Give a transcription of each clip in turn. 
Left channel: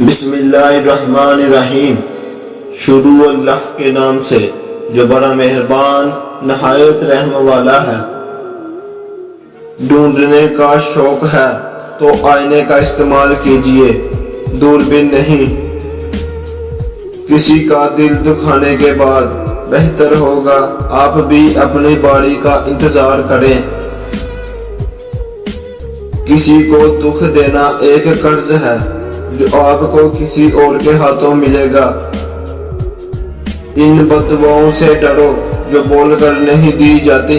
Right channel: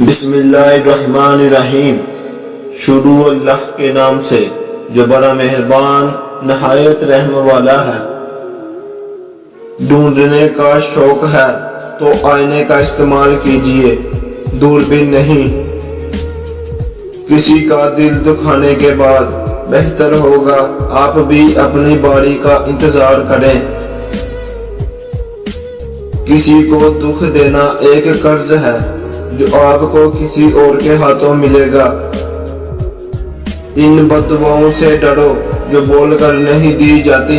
बिस्मिल्लाहिर्रहमानिर्रहीम। शुरू अल्लाह के नाम से जो बड़ा मेहरबान नहायत रहम वाला है। ढूंढने का शौक है तो आईने का इस्तेमाल कीजिए, दूरबीन नहीं। किसी का दिल दुखाने के बाद बेहतर होगा आप भी अपनी बारी का इंतजार करें। किसी को दुख देना एक कर्ज है जो आपको किसी और के हाथों मिलेगा। इन बददुआओं से डरो जो बोलकर नहीं दी जाती।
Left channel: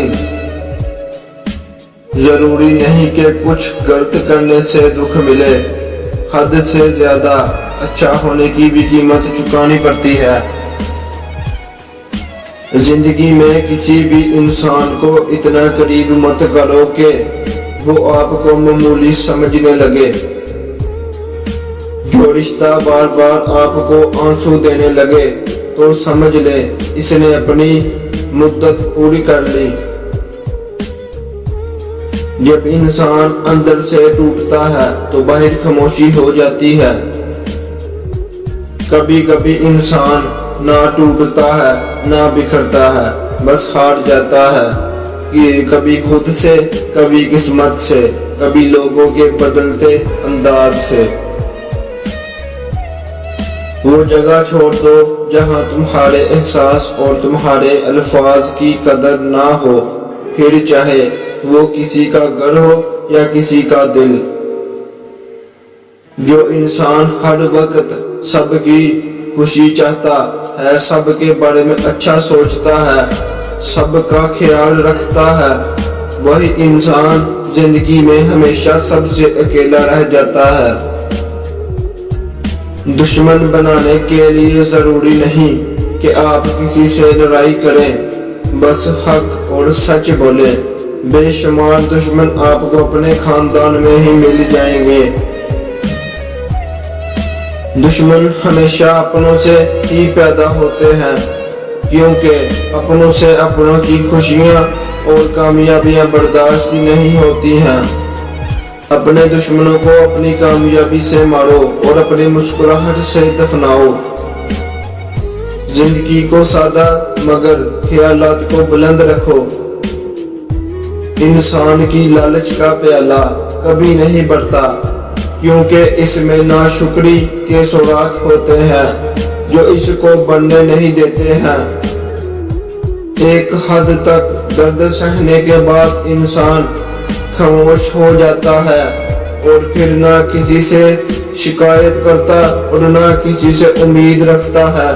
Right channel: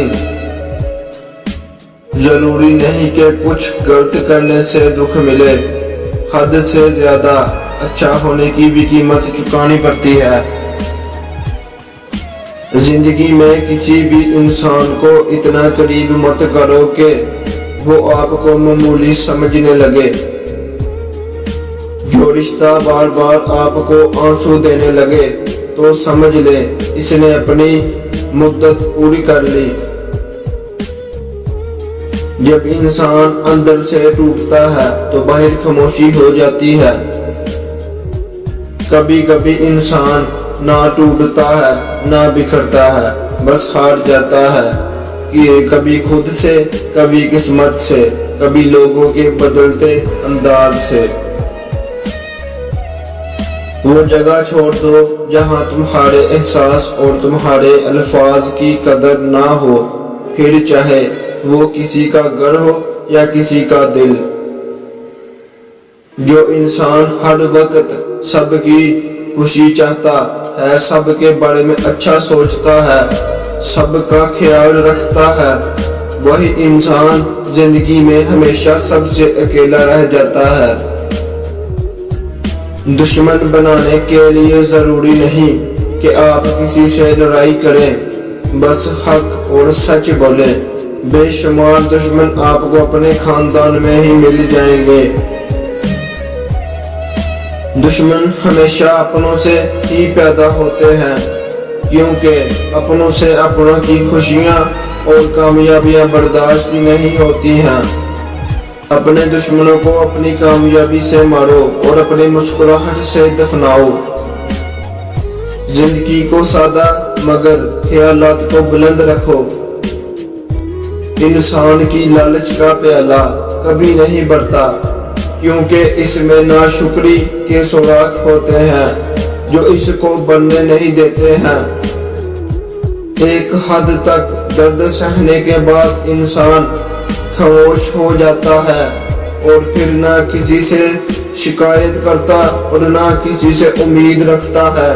जरूरी नहीं कि कुछ गलत करने से दुख मिले, हद से ज्यादा अच्छा होने की भी कीमत चुकानी पड़ती है। जिंदगी में किसी भी इंसान को इतना करीब मत करो कि वो आपको मामूली समझने लगे। जो रिश्ता बार बार आपको आंसू देने लगे तो समझ ले इसने अपनी मुद्दत पूरी कर ली। जब इंसान अंदर से टूटता है तो बाहर खामोशी हो जाती है। कभी कभी इंसान ना टूटता है ना बिखरता है, बस हार जाता है कि कभी खुद से, कभी किस्मत से, कभी लोगों के बदलते अंदाज से। वो जगह छोड़ दो जहां तुम्हारे एहसास और तुम्हारे अल्फाज की कदर ना हो, फिर चाहे वो किसी का घर हो या किसी का दिल। जो इंसान हर वक्त सबकी खुशी चाहता है, सबके बारे में अच्छा सोचता है, सबका ख्याल रखता है, वही इंसान जिंदगी में हमेशा सबसे अकेला रह जाता है। दुश्मन बनाने के लिए जरूरी नहीं कि आप किसी से लड़ाई करें, बस हक और सच बोलें। बेशुमार दुश्मन आपको अपने खानदान में ही मिल जाएंगे। दुश्मन हमेशा अपनों से ही पैदा होते हैं, क्योंकि अपनों से अपनों की खुशियां और कामयाबियां बर्दाश्त नहीं होती हैं। अपने दुश्मनों को अपनी कामयाबी से मारो और अपनी मुस्कुराहट से दफनाओ। जिंदगी को सादा मगर ख्यालात को बुलंद रखो। इंसान की लालच का प्याला कभी नहीं बढ़ता, क्योंकि इसमें नाशुक्री के सुराख होते हैं जो इसको बढ़ने नहीं देते हैं। एक हद तक दर्द सहने के बाद इंसान खामोश हो जाता है और फिर ना किसी से शिकायत करता और ना किसी से उम्मीद रखता है।